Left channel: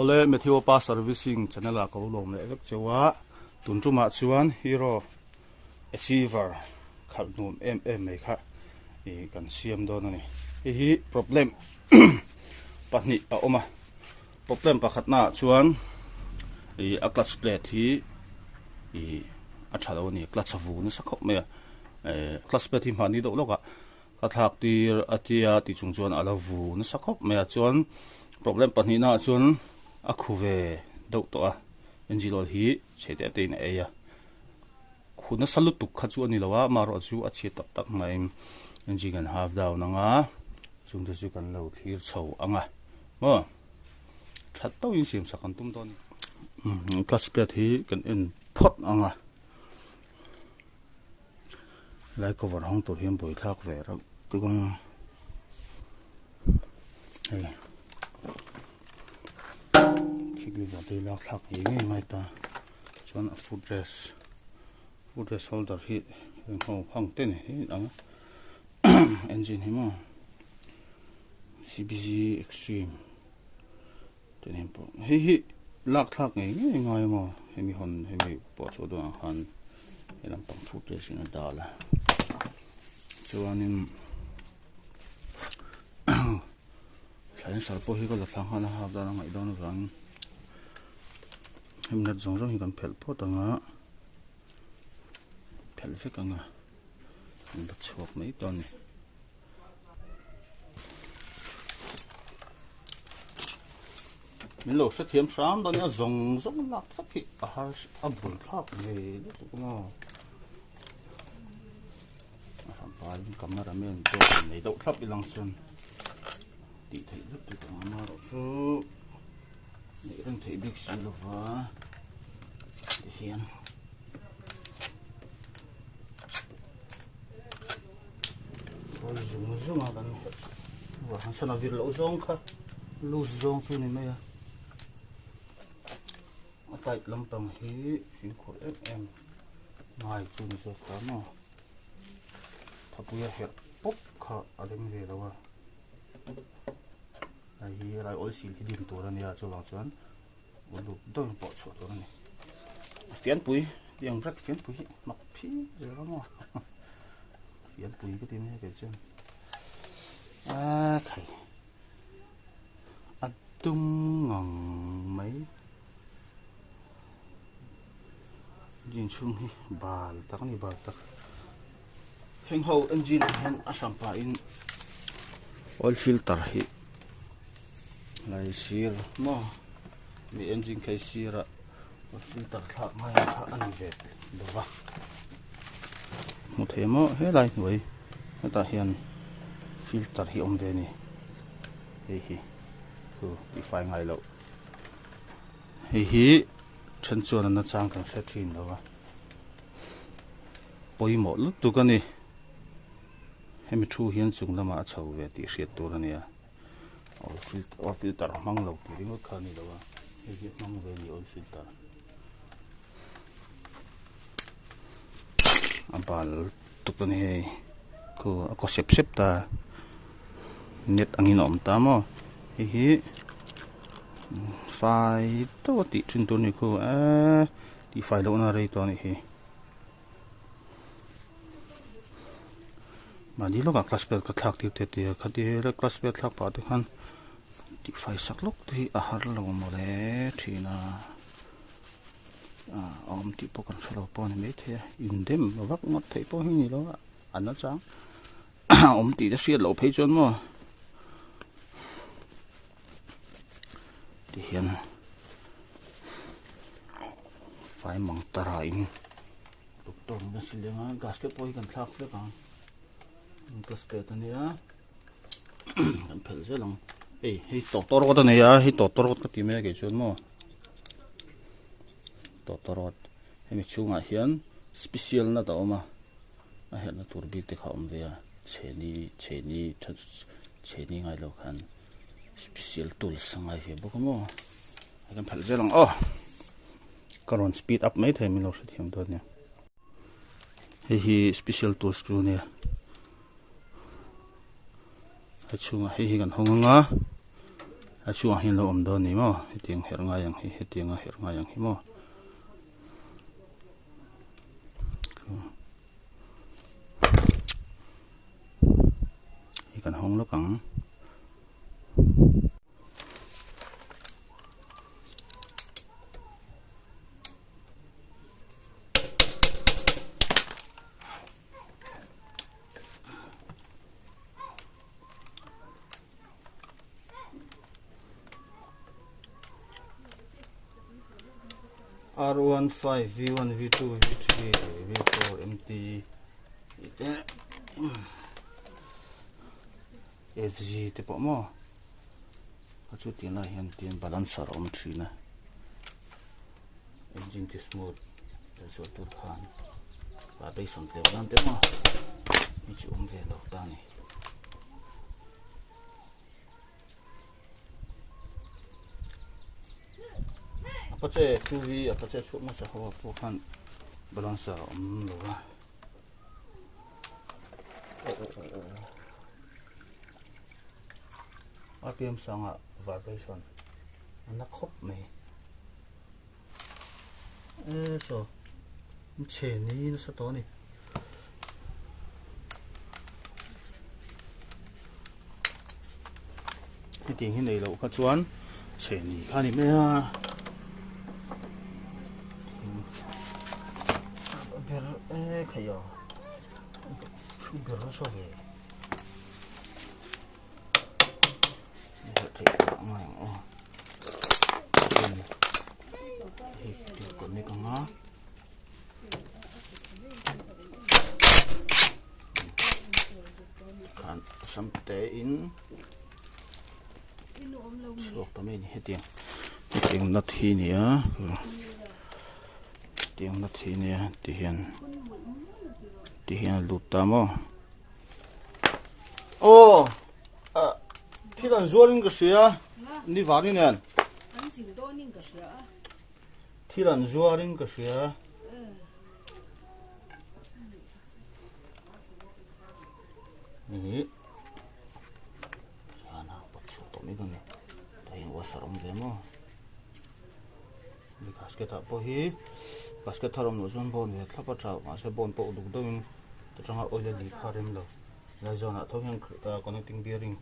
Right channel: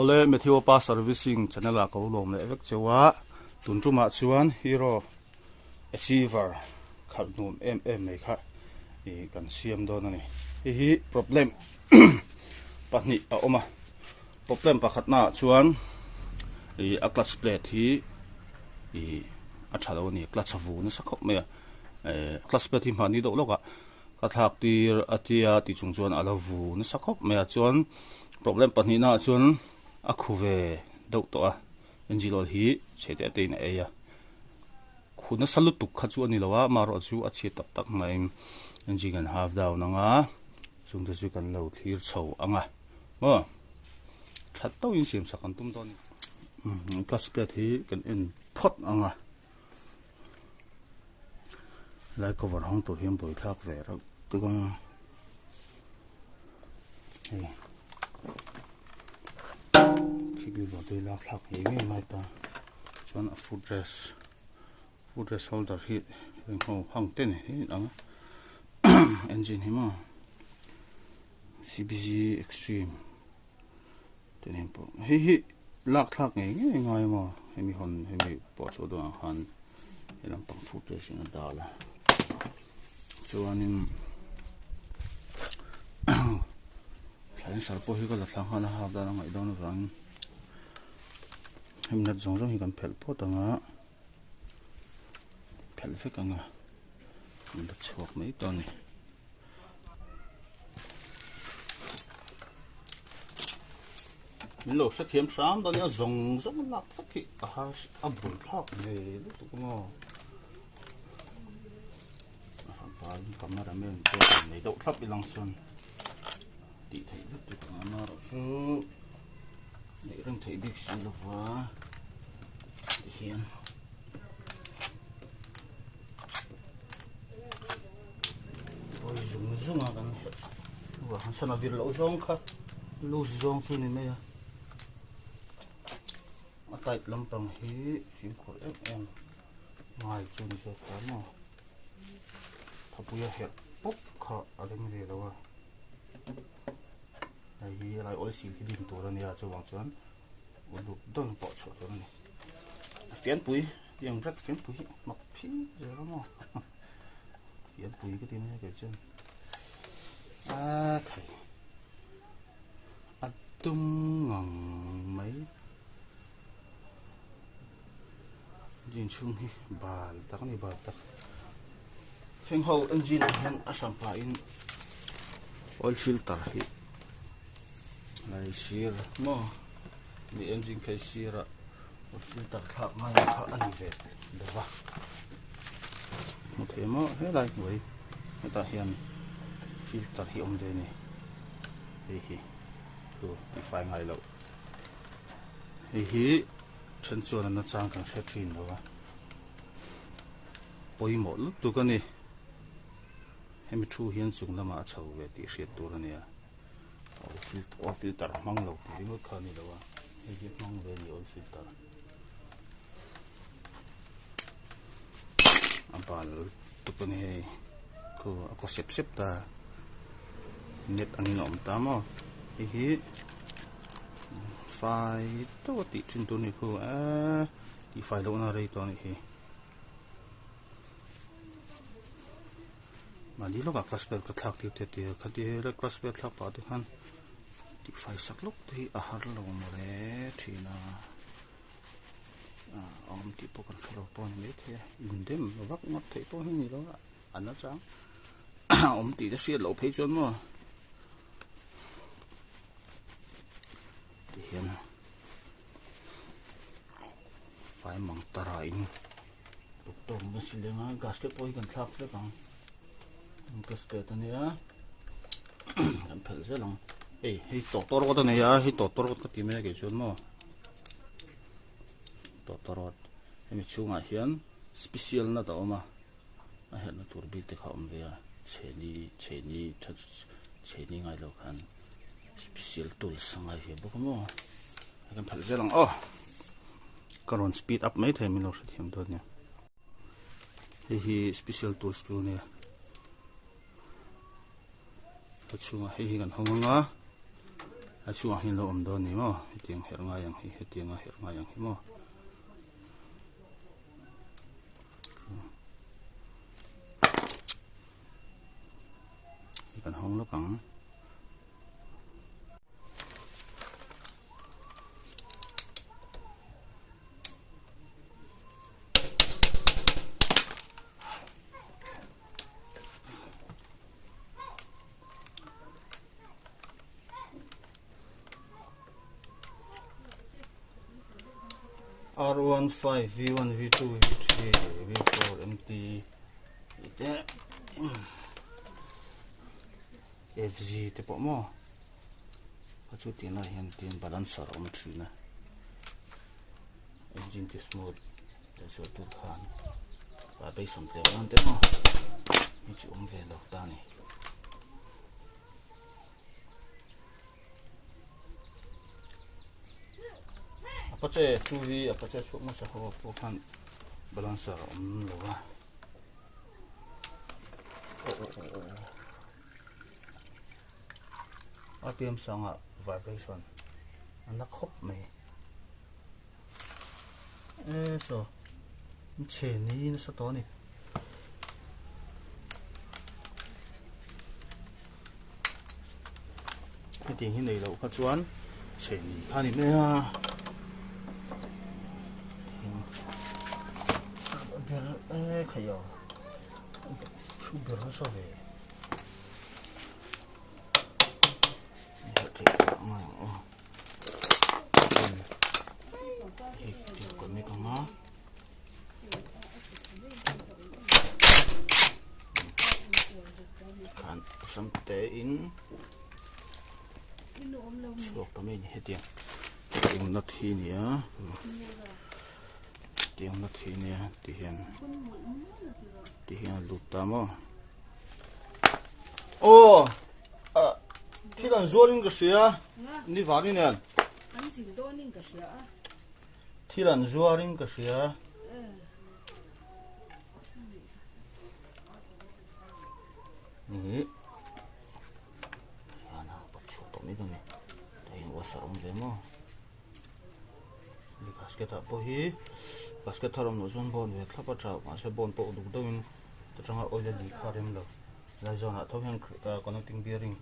ole Matthew pa servicing channel a ko lom le vek chewa tunjuma chuan hero achiever khalnum em mai kha I kan siam don ani hi problem pahni a oma problem pakhat na chuan a clutch plate hi a thalo ni clutch avu na sakhop me clutch plate hi mani do loka ka thak tir atia ti chung chuan alavu na sakhop me chuan problem pahni na chuan a khuve do to a engine hi chete te na e ya khuna salu tuk kha chu ani lawa maro chu a chi tak tak mai engine kan half down anga chung de chu kan lo thlir chho anga mo that to in sim sakan tum don clutch plate hi kan in phot anga lai cover hong to hiam boi thak ve ra tukang ei kibi bo de lak thak hi me mai ta chuan a footrest holder hi ho hang ten hi anga engine hi ma CBG extreme ten him po hi lak thak ngai mo hemi hon hemi po chu do han helam pang footrest in dala chuanin sain sarpo hi ko la thang hana ha da ngai don rang himnat zong hi kan phel po tanga phel fe kanga ba chok mai ton ni min lo sa thiam sam da na zong lak sak hi a ha a bul thak ne tu ko cameraman ko nei do thap ilang chun ti thei lu tu ma ro chu nei rang thei big si lo wa ti hian oi zum ma dan wa han sana vir lo zong kha lu zong chu ni me ya a tai lampang hi chin khor em mai chu ni se ta no puya het pop kha aleng ve lawa ai hi lai oi si thi dim tur ania chuwang chuan ulu don po chu tur ni fian pui yang rak fian pui mak phi re ra mo fian pui cái tim cái chân khai atum ngang mấy jin chung hi bal tak ni bal tak heng ho engine han asam pa in oil filter hi lai sir mo mi engine kai sira oil filter kha mai kha ani ve dewa mo themo he lai noi ta hian filter hi om de ni hi ko di fai ngai lo hi chen chuan na chang kan sa thin lo poi mo lu tu ka ni hemi thu hian chung lama chho ve ti hriat tur ania oil filter mang lo ti ngo khani lawa hi mang ve ni oil filter abal tu kan he ko sep ta net angin om ta mo hi fai to ti chin tu ni ko ti fai lo na rei to ni hi mani lo ka class belt ka thak ti te khati re class belt thak pa te khan ti fai sak lok ti a har lo mo le thina om ti po kan khalo po ni me the in dem vak ngot thei po hi ni lo an na chang om ti da sia lo phei chon mo ti hian fai mang tara in doktor me silenga gasket po hi kan thak le ka class belt ania kan phel se lang hei tor ko ne ya hei tor ko ti me ke chon mo tor hemi chunga hian special na ta oma a hian na tur bi te khom ve ya cheni ngai lo khan special tools ngai fe bo mo kan phel se lang karon speed up mai the mi lo se thiam do ne hi special tools tu ne chunga hi kan honga a chu hin lo om do ni mo hiting her nga yang hi hiting a her nga yang hi mo ikan hong lo kang R15, V1, V2, V3, V4, MT, FG te po mo. Kacu tina yan tin balancer om trina. Engine te smooth. Kacu turkan. Babai somte nante mo. Kacu ve lok tani. Apa ceh tuhi apa ceh cuk masa hawa pukan balancer lo lah. RPM sanga vibration anak hop me so che ni na sa to ni cái tiếng hình này là phát chuan che ni anh em nha ber khayo chu ber so ve sampai in chok pamen hetiang nat hi nia tiếng nat hi nia ti hian lutamo ô khi còn zualing cái gì đi vào đi nè khi lần zualing cái gì nè ana bắt chụp tụi mình này đây là sarong về mà đi basket apa hi basket tharom no zon bon ve thapa trao ma se bon po du dawin to changa oil li kharem lo la zona thohen connecting bearing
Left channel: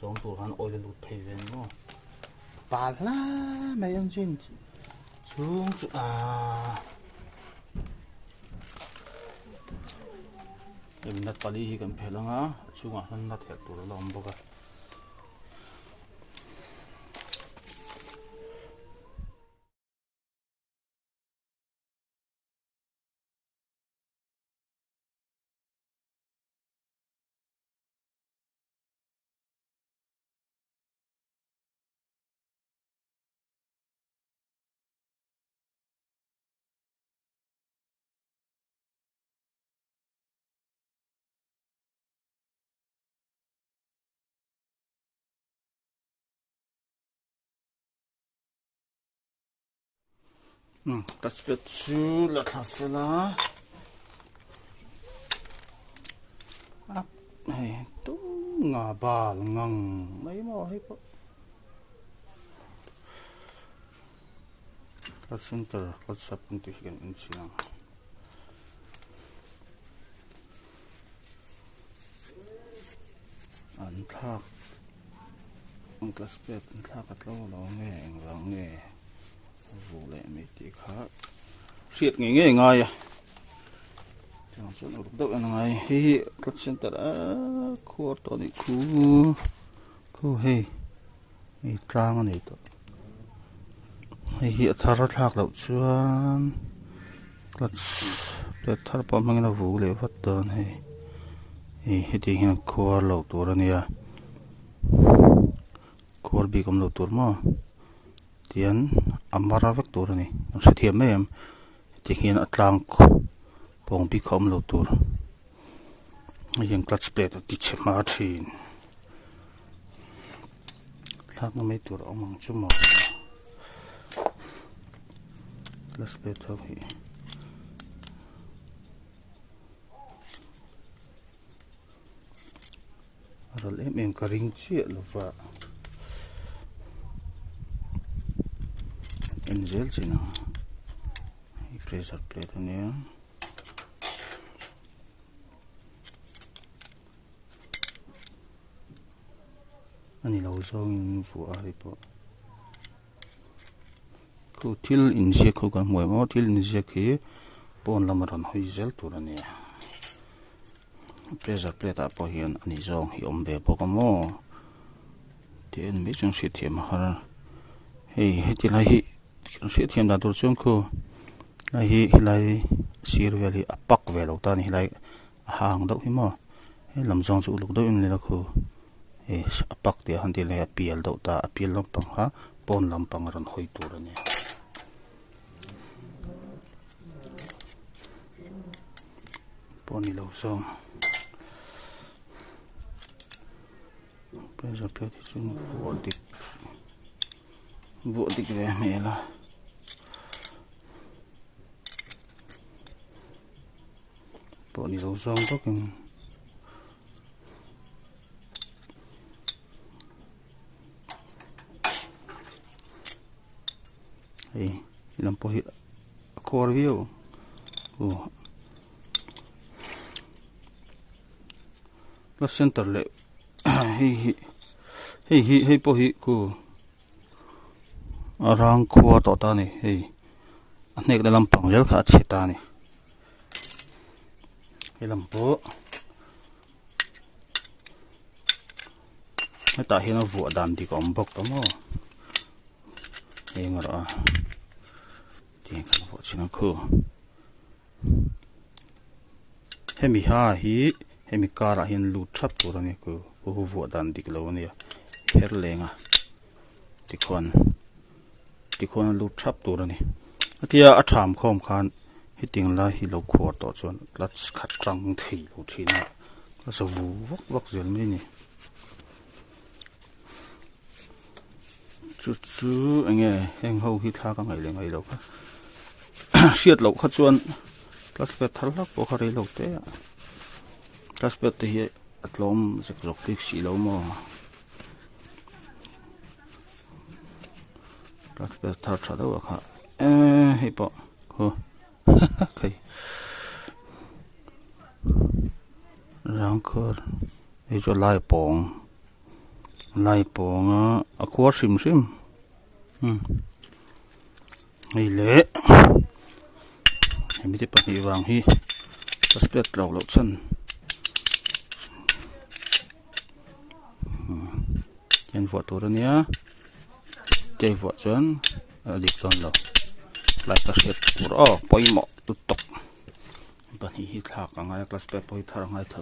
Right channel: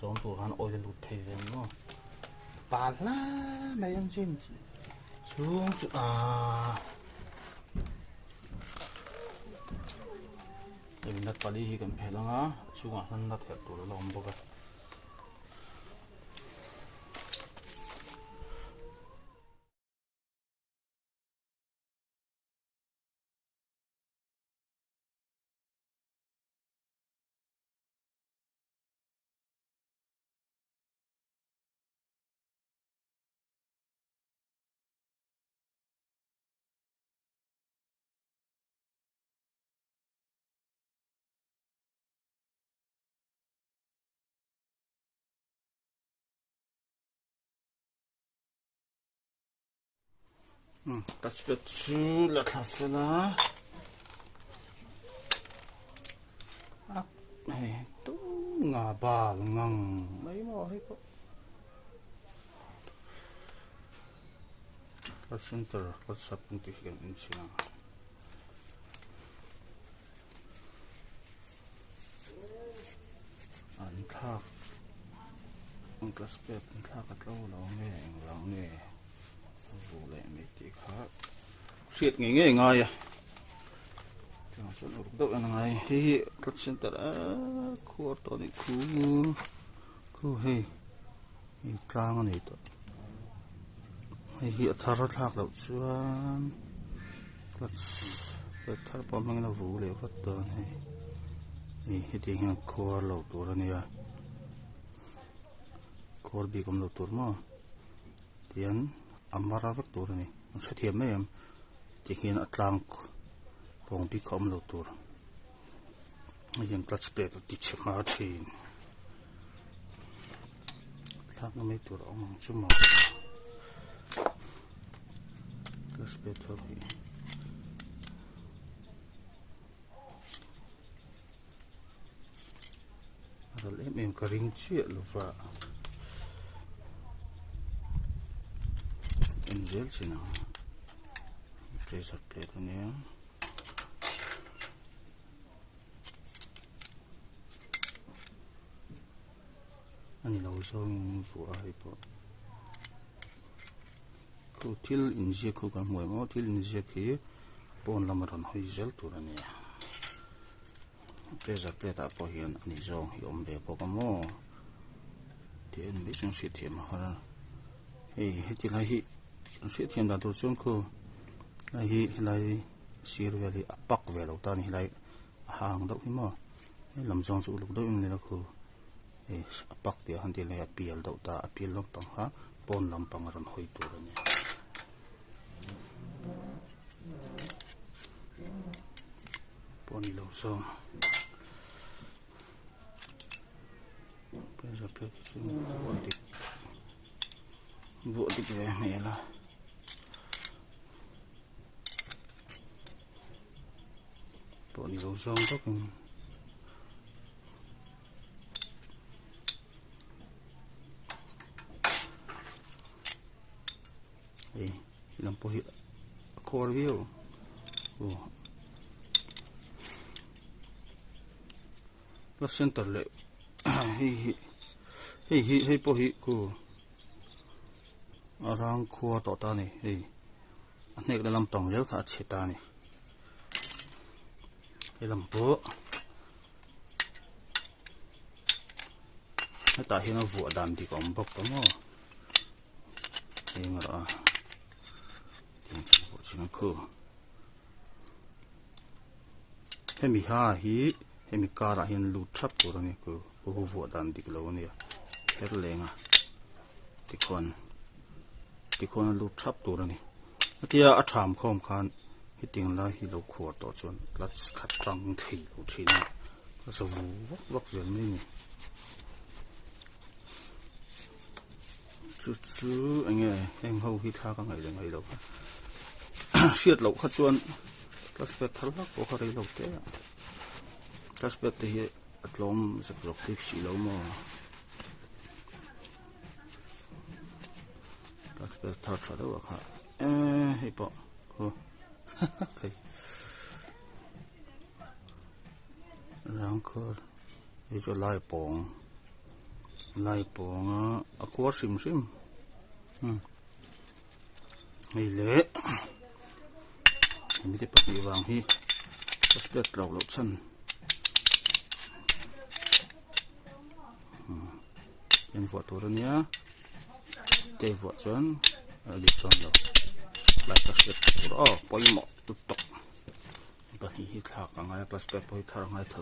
zon tur han oil lu thei ven no pa la mai yang jin chung chu em nat pali hi kan phelanga chunga han na thek tur lom boka das wird zu lecker fula này tu ngà bà ngang mấy mò hết có các center các sắp untuk hiện siang anh thắc các spet anh thắc các lâu nghe dù lệ mấy tí khác siết nghe ngay chẳng số nào đâu ngay hi các center khu to này khu hay trang này to hi thar thak đâu chuan các thar pa mang na vu le phát ton hay hi thì hiện khu lâu to ra nè khu bị cầm lâu to mà tiền amara vek tur ni nó sẽ thiêm em thì hiện atlang bong bị cầm lâu tur hiện clutch plate thì chém mà chín thắc nó mấy tur ông mang chung mà clutch plate thôi rồi em cái ring chia luôn và in zel china pressure plate ania ani lo zong fu ai po ku til in sia ku kan moi mo til in sia khi pon lamaran hoi zel tur ania pressure plate a po hian ani zong hi om ve po ka mo ten mi chung si thiam har hei heti lai hi si thiam da tur chung ku lai hi lai sir veli apak ve lo ta ni lai hang do hi mo he lam zong chu luk do in le la khu e apak te han ti le apial do ta apial lo pang ha pon lam pang ran hoi tur ani poni lo zong pressure plate chung bộ địch về mẹ là bộ này lâu xong có cái làm po hiện core view nó center lệ hi po hi ku arang khuwa to ta ni hei anek da lampang rel kha chita ni he lampo ta hina vu adam di kom bok to mo he ngara ti kan bo china khu hemi ha hi hemi kara hin lu thap tur ani ku vu adam dik lo ni her lenga ti khon lu thap tur ani atia a tham khom khan hiting la hi lo khor to chon clutch khat tang thei lo thina so vu vok zel ni ni chu ange heng ho hi tha ka ngai le ngai lo siat lo kha chuan clutch pe thal la po khari lo te clutch pe te hi atlom zek zok tik si lo mo clutch pe thar tha do kha hei po ho kai rang khor ei cho lai pong a khwar sim hei le hemi te pa hi wang hi aspect lo chan chen vot tur ania te vot chan li ton lo lai ta set tur poi mo tu tok ba hi thak angai class pe poi thar ngai tho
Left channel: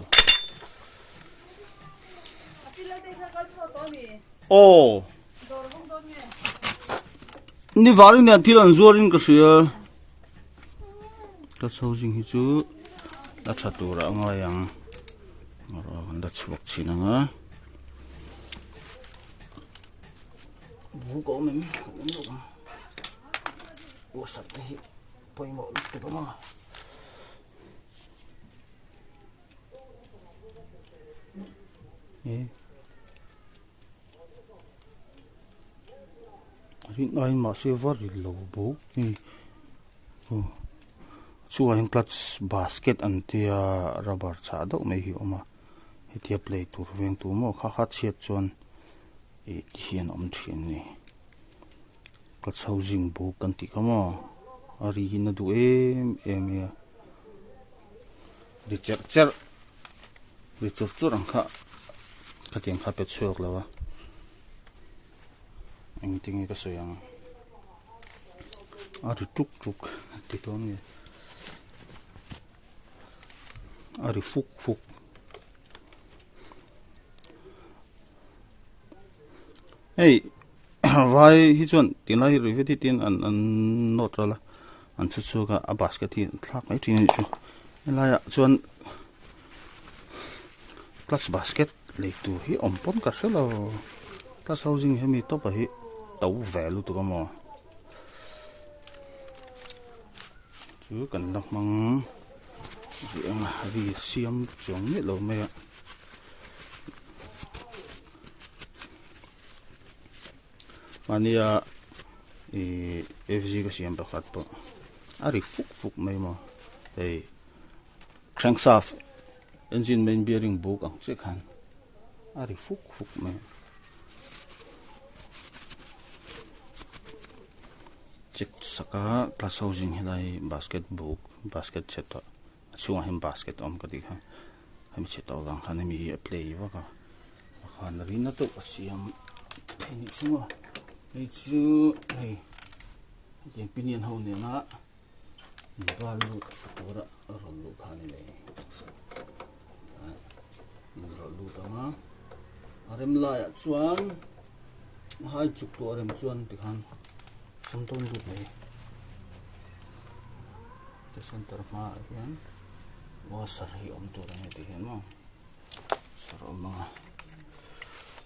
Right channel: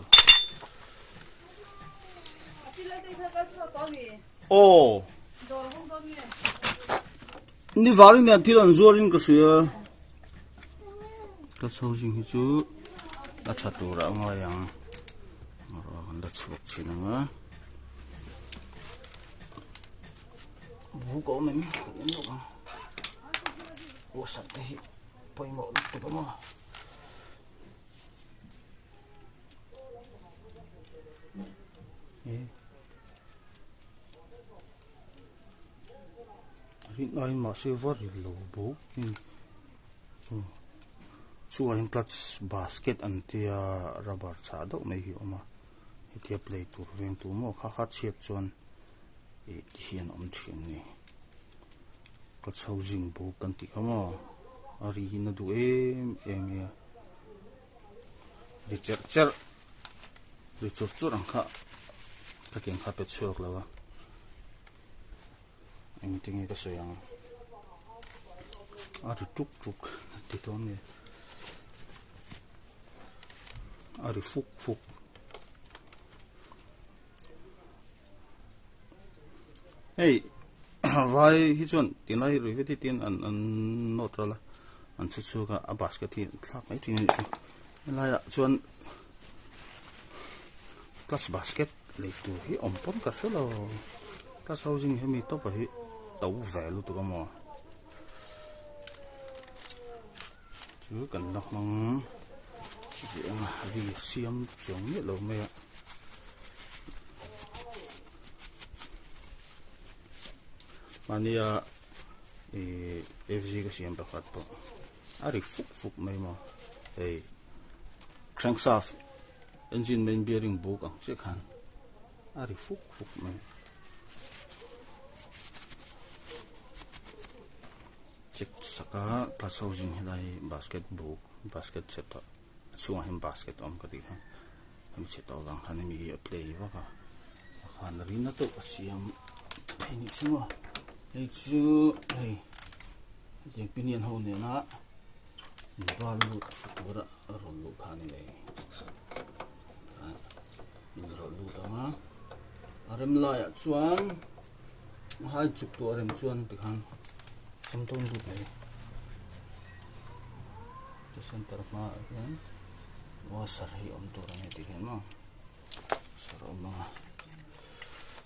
ni varing ne thilan zuarin ka sia ta chojing hi chu ta chatura anga yang da chuak chinanga bu ko men o sa te poi mo tu ko ma rin ai ma silver lo bu ni chu ein clutch basket an tia rubber cha do mai hi oma hetia play tur veng tu mo kha chet chuan e hian om thin ni clutch housing bu kan ti kama ari hin du em ya restructure ang kha kateng kha pe chok lawa anything ito so yang ari tuk dito ni ari fuk hey vai hi chon tinai riveti tin an notrala an chu ga a basket hi thlak mai tin chu la ya chon clutch basket le tu hi ompon ka selo ta housing hemi to pa hi tau value to mo chu kan nok mang ji ang vi siam chong ni lo me mania e FG ka siam pakhat po ari fuk mai mo ei crankshaft engine main bearing book ang che khan ari fuk mai check saka class housing hilai basket book basket set chunga him basket om ka di kha hemi che to wang khan mi play wa ka khan rina to siam ai chunga ei chu ei je pinian ho ne na balu pura rolu khani le rolu tama arem la ya chuan hai chuk to arem chuan tikhan samton du ne to center ma again wa sarhi om to rane tikhan ma saroma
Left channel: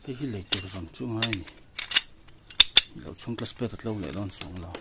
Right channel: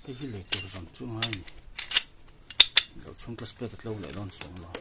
pe hi le te jam chu ngai ni lo chung class pe lo le don chung lo